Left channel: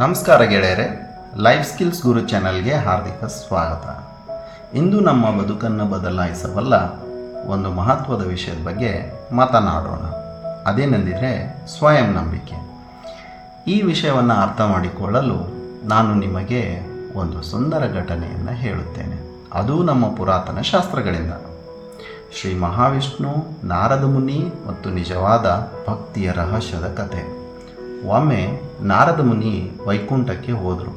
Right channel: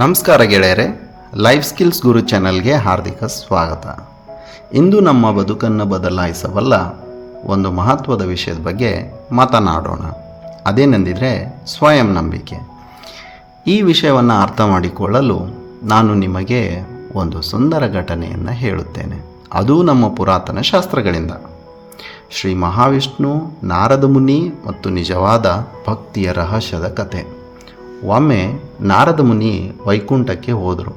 ನಮಸ್ಕಾರ ಗೆಳೆಯರೆ, life skills ಗುರು ಚಾನಲ್ಗೆ ಹಾರ್ದಿಕ ಸ್ವಾಗತ. ಇಂದು ನಮ್ಮ ಬದುಕನ್ನು ಬದಲಾಯಿಸಬಲ್ಲ ಒಂದು ಮಹತ್ವದ ವಿಷಯದ ಬಗ್ಗೆ ಮಾತನಾಡೋಣ. ಅದೇನೆಂದಿದ್ರೆ ಸ್ವಯಂ ನಂಬಿಕೆ. ಈ ವಿಷಯವನ್ನು ಅರ್ಥ ಮಾಡಿಕೊಳ್ಳಲು ನಾನು ನಿಮಗೆ ಒಂದು ಸುಂದರ ಘಟನೆಯನ್ನು ಹೇಳುತ್ತೇನೆ. ಅದು ನಮ್ಮ ಪುರಾತನ ಶಾಸ್ತ್ರಗಳಿಂದ. ಶ್ರೀ ಮಹಾವಿಷ್ಣು, ನಾರದ ಮುನಿ ಮತ್ತು ನಿಜವಾದ ಭಕ್ತಿಯ ರಹಸ್ಯದ ಕತೆ. ಒಮ್ಮೆ ನಾರದ ಮುನಿ ವೈಕುಂಠಕ್ಕೆ ಹೋದರು.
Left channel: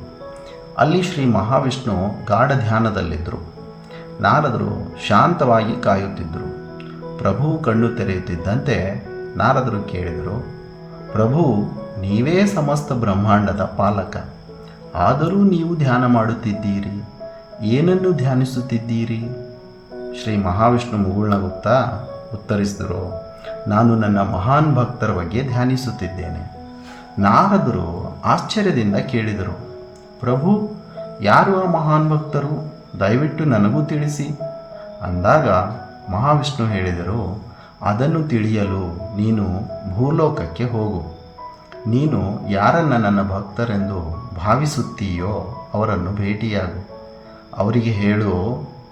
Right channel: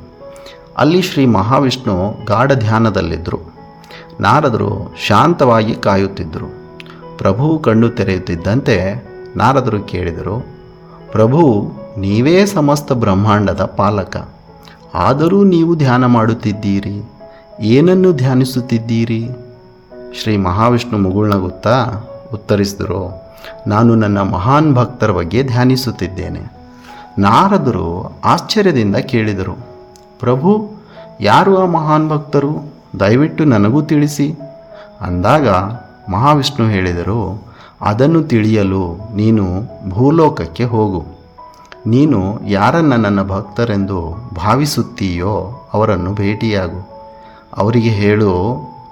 ಅಲ್ಲಿ ಶ್ರೀ ಮಹಾವಿಷ್ಣು ಗಾಢ ಧ್ಯಾನದಲ್ಲಿದ್ದರು. ನಾರದರು ಶಾಂತವಾಗಿ ಕಾಯುತ್ತಿದ್ದರು. ಪ್ರಭು ಕಣ್ಣು ತೆರೆಯುತ್ತಿದ್ದಂತೆ ನಾರದರು ಕೇಳಿದರು, ಪ್ರಭು, ನೀವೇ ಸಮಸ್ತ ಬ್ರಹ್ಮಾಂಡದ ಪಾಲಕ, ಆದರೂ ನೀವು ಧ್ಯಾನ ಮಾಡುತ್ತಿದ್ದೀರಿ, ಏನನ್ನು ಧ್ಯಾನಿಸುತ್ತಿದ್ದೀರಿ? ಶ್ರೀ ಮಹಾವಿಷ್ಣು ಮುಗುಳ್ನಗುತ್ತಾ ಉತ್ತರಿಸಿದರು, ನಾನು ನನ್ನ ಮಹಾನ್ ಭಕ್ತರ ಬಗ್ಗೆ ಧ್ಯಾನಿಸುತ್ತಿದ್ದೇನೆ. ನಾರದರು ಆಶ್ಚರ್ಯದಿಂದ ಕೇಳಿದರು, ಪ್ರಭು, ಯಾರು ಆ ಮಹಾನ್ ಭಕ್ತರು? ದಯವಿಟ್ಟು ನನಗೂ ತಿಳಿಸಿ. ಅಂದಾಗ ಮಹಾವಿಷ್ಣು ಹೇಳಿದರು, ಅದನ್ನು ತಿಳಿಯಲು ನೀನು ಭೂಲೋಕಕ್ಕೆ ಹೋಗು. ನೀನು ಯಾರನ್ನು ನನ್ನ ಭಕ್ತರೆಂದು ಭಾವಿಸುತ್ತೀಯೋ ಅವರನ್ನು ಭೇಟಿಯಾಗು. ಅವರಿಗೆ ಹೇಳು,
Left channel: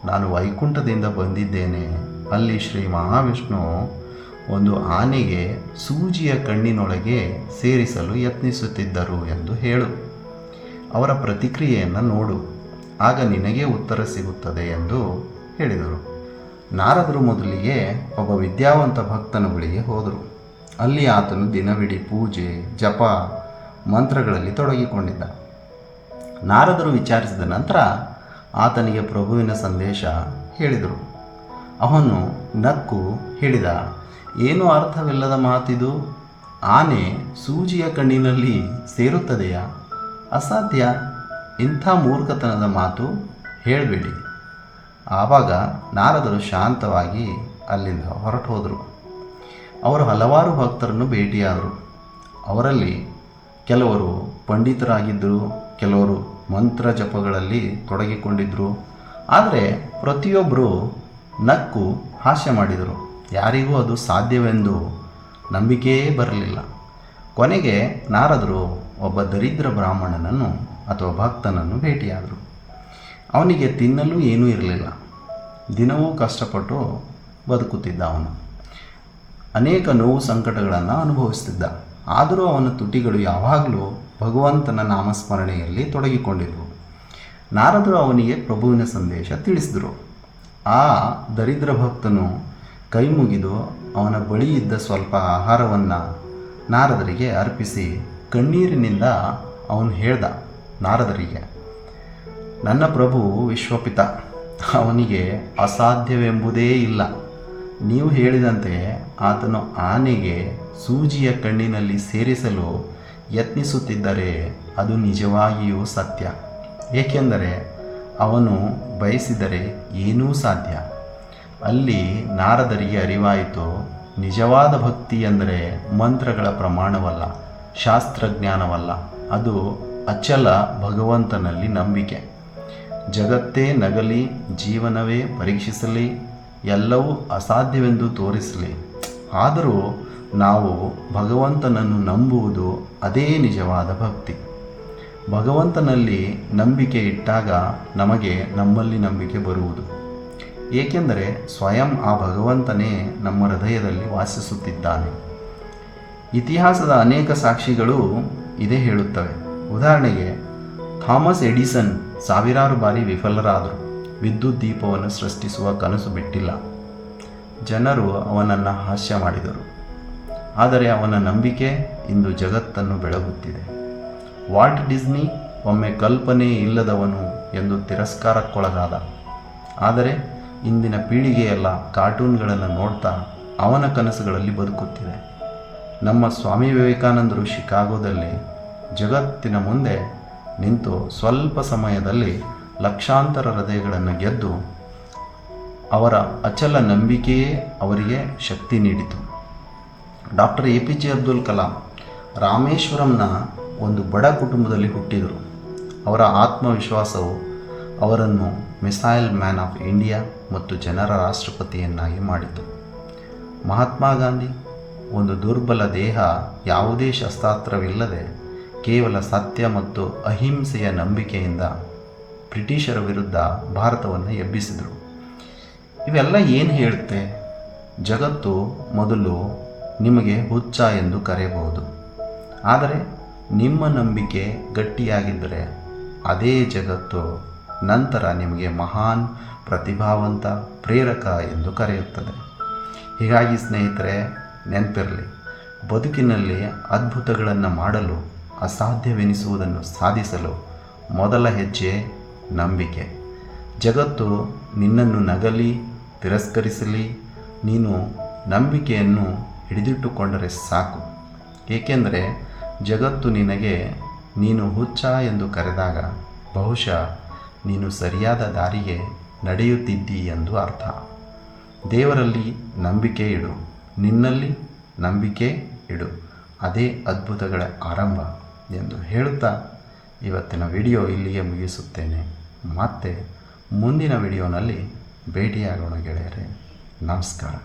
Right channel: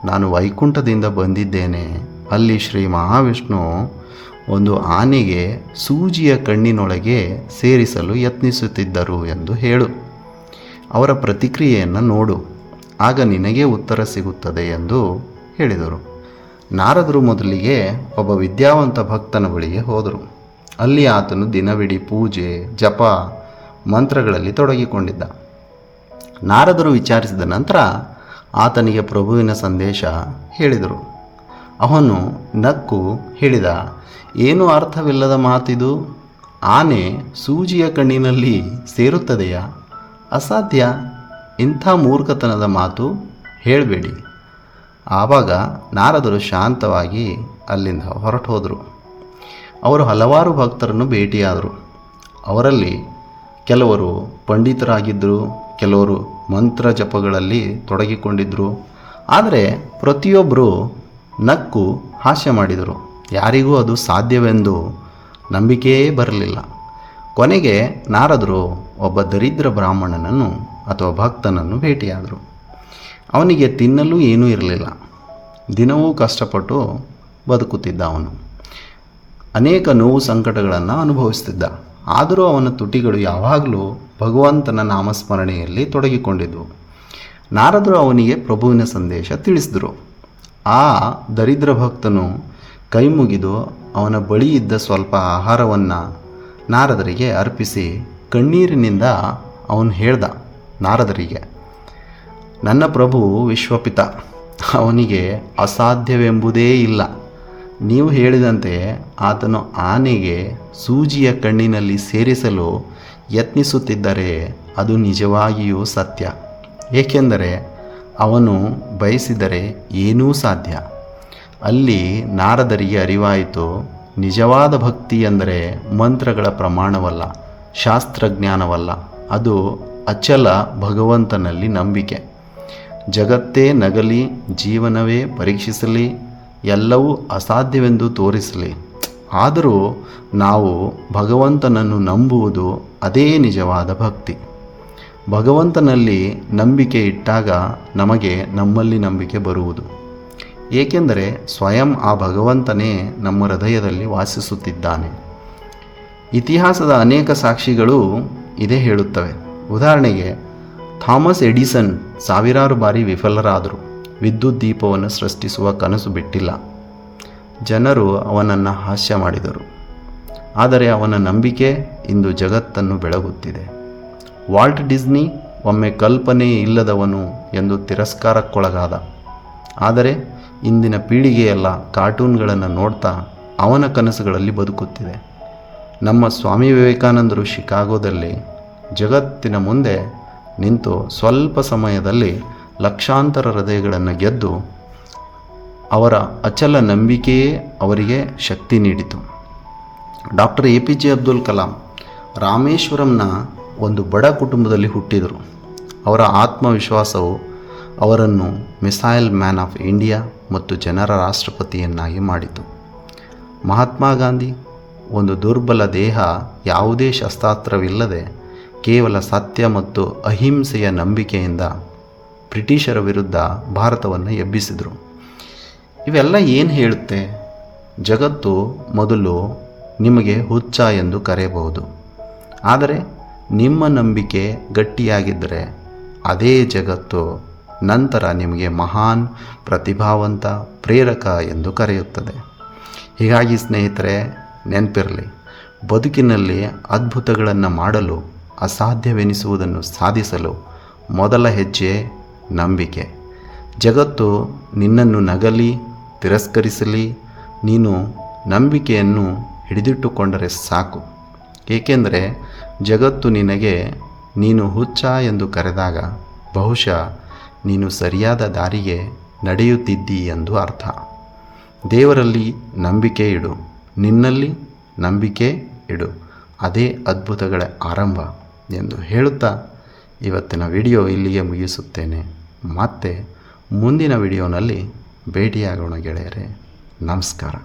ನಾನು ವೈಕುಂಠದಿಂದ ಬಂದಿದ್ದೇನೆ. ಅಲ್ಲಿ ಶ್ರೀ ಮಹಾವಿಷ್ಣು ಒಂದು ಆನೆಗೆ ಸೂಜಿಯ ಕಣ್ಣಿನೊಳಗೆ ಸೇರಿಸಲು ಯತ್ನಿಸುತ್ತಿದ್ದರು ಎಂದು ಹೇಳು. ಅವರ ಪ್ರತಿಕ್ರಿಯೆಯನ್ನು ನೋಡು, ಆಗ ನಿನಗೆ ಉತ್ತರ ಸಿಗುತ್ತದೆ ಎಂದು ಹೇಳಿದರು. ನಾರದರು ಮೊದಲಿಗೆ ಒಬ್ಬ ವಿದ್ಯಾವಂತ ಭಕ್ತನ ಬಳಿಗೆ ಹೋದರು. ಅಲ್ಲಿ ಆತನು ದಿನವಿಡೀ ಪೂಜೆ, ಜಪ, ಮಂತ್ರಗಳಲ್ಲಿ ತೊಡಗಿಕೊಂಡಿದ್ದ. ನಾರದರು ವಿಚಾರಿಸಿದ ನಂತರ ಆತನಿಗೆ ಪ್ರಭುವಿನ ಸಂದೇಶ ಹೇಳಿದರು. ಅವನು ನಕ್ಕು ಹೇಳಿದ, ಏನು ಅರ್ಥವಿಲ್ಲದ ಮಾತಿದು? ಆನೆ ಸೂಜಿಯ ಕಣ್ಣಿನಲ್ಲಿ ಸೇರುತ್ತದೆಯಾ? ಅಸಾಧ್ಯ. ಇಂಥ ಮೂರ್ಖತನದ ಮಾತು ಹೇಳಬೇಡಿ. ಆವಾಗ ನಾರದರು ಶಾಂತವಾಗಿ ಅಲ್ಲಿಂದ ಹೊರಟು ಹೋದರು. ಅವರು ಹಲವಾರು ಭಕ್ತರನ್ನು ಭೇಟಿಯಾದರು. ಅವರಲ್ಲಿ ಕೆಲವರು ಪಂಡಿತರಾಗಿದ್ದರು, ಕೆಲವರು ಮಂತ್ರ ಜಪಗಳಲ್ಲಿ ತೊಡಗಿಕೊಂಡಿದ್ದರು. ಆದರೆ ಪ್ರತಿಯೊಬ್ಬರೂ ನಕ್ಕು ಹಾಸ್ಯ ಮಾಡಿದರು. ಯಾರಿಗೂ ಅದು ಸಾಧ್ಯವೆಂದು ನಂಬಿಕೆಯೇ ಬರಲಿಲ್ಲ. ಕೊನೆಗೆ ನಾರದರು ಒಬ್ಬ ದರಿದ್ರ ಬ್ರಾಹ್ಮಣನನ್ನು ಅಥವಾ ಭಕ್ತನನ್ನು ಭೇಟಿಯಾದರು. ಅವನಿಗೆ ತಿನ್ನಲು ಏನೂ ಇರಲಿಲ್ಲ. ದಿನವೂ ಕಷ್ಟಪಟ್ಟು ಬದುಕುತ್ತಿದ್ದ. ಅವನು ಅನೇಕ ನೋವು ಸಂಕಟಗಳನ್ನು ಅನುಭವಿಸುತ್ತಿದ್ದ. ಆದರೂ ಅವನ ತುಟಿಗಳು ಯಾವಾಗಲೂ ಭಗವಂತನ ನಾಮಸ್ಮರಣೆಯಲ್ಲಿ ತೊಡಗಿಕೊಂಡಿದ್ದವು. ನಾರದರು ಅವನಿಗೆ ಪ್ರಭುವಿನ ಸಂದೇಶ ತಿಳಿಸಿದರು. ಆ ದರಿದ್ರ ಭಕ್ತನು ಕೈ ಮುಗಿದು ಅವನ ಬಳಿ ಇದ್ದ ಸ್ವಲ್ಪ ಆಹಾರವನ್ನು ನಾರದರಿಗೆ ಅರ್ಪಿಸಿ ಕಣ್ಣೀರಿನಿಂದ ಅವನು ಹೇಳ್ದ ನಾರದರಿಗೆ, ನನ್ನ ಪ್ರಭು ವಿಶ್ವಪಿತ, ಅವನಿಗೆ ಅಸಾಧ್ಯವೆಂಬುದೇ ಇಲ್ಲ. ನೀವು ಹೇಳಿದಂತೆ ಆತನು ಆನೆಗೆ ಸೂಜಿಯ ಕಣ್ಣಿನಲ್ಲಿ ಸೇರಿಸಲು ಯತ್ನಿಸುತ್ತಿದ್ದರೆ ಅದು ನಿಜವಾಗಿಯೂ ಸತ್ಯ. ಏಕೆಂದರೆ ಅವನು ಬಯಸಿದರೆ ಏನೂ ಸಾಧ್ಯ. ಅಲ್ಲಿ ನಾರದರಿಗೆ ಅರಿವಾಯಿತು, ನಿಜವಾದ ಭಕ್ತಿ ಎಂದರೆ ಮಂತ್ರಗಳ ಪ್ರಮಾಣವಲ್ಲ, ಶಾಸ್ತ್ರಜ್ಞಾನವಲ್ಲ, ಅದು ಅಚಲ ಭಗವಂತನಲ್ಲಿ ನಂಬಿಕೆ. ಜಗತ್ತೇ ನಗಲಿ, ಜೀವನವೇ ಪರೀಕ್ಷಿಸಲಿ, ಎಲ್ಲವೂ ಅಸಾಧ್ಯವೆಂದು ತೋರಿಸಲಿ, ಆದರೂ ನಾವು ಭಗವಂತನನ್ನು ನಂಬುವುದು ಅದೇ ನಿಜವಾದ ಭಕ್ತಿ. ಭಗವಂತನಲ್ಲಿ ನಂಬಿಕೆ ಇಟ್ಟಾಗ ನಮಗೆ ನಮ್ಮಲ್ಲಿ ನಂಬಿಕೆ ಬರುವುದು. ಏಕೆಂದರೆ ಸ್ವಯಂ ಆ ಭಗವಂತನೇ ನಮ್ಮ ಹೃದಯದಲ್ಲಿ ವಾಸಿಸುತ್ತಿದ್ದಾನೆ. ಇತಿಹಾಸದ ಅನೇಕ ಸಾಕ್ಷಿಗಳು ಇದೇ ಹೇಳುತ್ತವೆ. ಉದಾಹರಣೆಗೆ, ಥಾಮಸ್ ಎಡಿಸನ್ ಸಾವಿರಾರು ಬಾರಿ ವಿಫಲರಾದರು. ವಿದ್ಯುತ್ ದೀಪವನ್ನು ಸೃಷ್ಟಿಸುವ ಕನಸು ಬಿಟ್ಟಿಲ್ಲ. ಜನರು ಅವನನ್ನು ಹಾಸ್ಯ ಮಾಡಿದರು, ಆದರೆ ಅವನ ನಂಬಿಕೆ ಇಂದು ಜಗತ್ತನ್ನು ಬೆಳಗುತ್ತಿದೆ. ವಾಲ್ಟ್ ಡಿಸ್ನಿ ಒಮ್ಮೆ ಕಲ್ಪನೆ ಇಲ್ಲದವನು ಎಂದು ತಿರಸ್ಕಾರಕ್ಕೊಳಗಾದ. ಆದರೆ ಇಂದಿನ ಪೀಳಿಗೆಯೆಲ್ಲ ಕಾರ್ಟೂನ್ಗಳನ್ನು ನೋಡ್ತಾ ಅವನ ಕನಸುಗಳಲ್ಲಿ ಬದುಕುತ್ತಿದೆ. ನಮ್ಮ ಸ್ವಾಮಿ ವಿವೇಕಾನಂದರು ಶಿಕಾಗೋದಲ್ಲಿ ಜಗತ್ತಿನ ಮುಂದೆ ನಿಂತು ಸ್ವಲ್ಪ ಸಮಯದಲ್ಲಿ ಲಕ್ಷಾಂತರ ಹೃದಯಗಳನ್ನು ಗೆದ್ದು ಅವರ ಅಚಲ ನಂಬಿಕೆಯೇ ಅವರಿಗೆ ಶಕ್ತಿ ನೀಡಿತು. ಡಾಕ್ಟರ್ APJ ಅಬ್ದುಲ್ ಕಲಾಂ ರಾಮೇಶ್ವರಂನ ಒಂದು ಬಡ ಕುಟುಂಬದಲ್ಲಿ ಹುಟ್ಟಿದರು. ಅವರ ಆತ್ಮವಿಶ್ವಾಸವು ಅವರನ್ನು ಮಿಸೈಲ್ ಮ್ಯಾನ್ ಆಫ್ ಇಂಡಿಯಾ ಮತ್ತು ಜನರ ರಾಷ್ಟ್ರಪತಿಯನ್ನಾಗಿ ಮಾಡಿತು. ಮಹಾತ್ಮ ಗಾಂಧಿ ಒಂದು ದುರ್ಬಲ ದೇಹ, ಯಾವುದೇ ಶಸ್ತ್ರಾಸ್ತ್ರವಿಲ್ಲದೆ ಕೇವಲ ಸತ್ಯ ಮತ್ತು ಅಹಿಂಸೆಯ ನಂಬಿಕೆಯಿಂದ ಬ್ರಿಟಿಷರ ವಿರುದ್ಧ ಭಾರತವನ್ನು ಎಬ್ಬಿಸಿದರು. ಇವೆಲ್ಲ ಏನು ಹೇಳುತ್ತೆ? ಜಗತ್ತು ಮೊದಲು ನಿಮಗೆ ಹುಚ್ಚ ಎಂದು ಕರೆಯಬಹುದು, ಆದರೆ ನಿಮ್ಮ ನಂಬಿಕೆ ಗಟ್ಟಿಯಾಗಿದ್ದರೆ ಅದೇ ಜಗತ್ತು ನಂತರ ನಿಮಗೆ ಮಹಾನ್, ಪ್ರತಿಭಾವಂತ, ಪ್ರೇರಕ ಎಂದು ಕರೆಯುತ್ತದೆ. ಹೀಗಾಗಿ ಸ್ನೇಹಿತರೆ, ನೆನಪಿರಲಿ, ಬದುಕಿನಲ್ಲಿ ಅದ್ಭುತಗಳನ್ನು ಮಾಡಲು, ಅಸಾಧ್ಯವೆನಿಸುವುದನ್ನು ಸಾಧಿಸಲು ಮೊದಲ ಹೆಜ್ಜೆ ನಂಬಿಕೆ. ಜಗತ್ತು ನಿನ್ನನ್ನು ನಗಲಿ, ತಿರಸ್ಕರಿಸಲಿ, ನೀನು ನಂಬಿಕೆಯನ್ನು ಹಿಡಿದಿಟ್ಟುಕೊಂಡರೆ ಸಾಕು. ಏಕೆಂದರೆ ಜಗತ್ತು ನಿನಗೆ ನೀನು ಹುಚ್ಚ ಎಂದು ಕರೆದಾಗ ಬಹುಶಃ ನೀನು ಸರಿಯಾದ ದಾರಿಗೆ ನಡೆಯುತ್ತಿದ್ದಿ ಎಂದು ಅರ್ಥ. ದೇವರಲ್ಲಿ ನಂಬಿಕೆ ಇಡು, ನಿನ್ನಲ್ಲಿ ನಂಬಿಕೆ ಇಡು, ಅದೇ ಅದ್ಭುತಗಳ ಆರಂಭ ಎಂದು ಹೇಳುತ್ತಾ ಇವತ್ತಿನ ವಿಡಿಯೋ ಇಲ್ಲಿಗೆ ಮುಗಿಸುತ್ತೇನೆ. ಮತ್ತೆ ಮುಂದಿನ ವಿಡಿಯೋನಲ್ಲಿ ಭೇಟಿಯಾಗೋಣ ಗೆಳೆಯರೇ. ನಮಸ್ಕಾರ.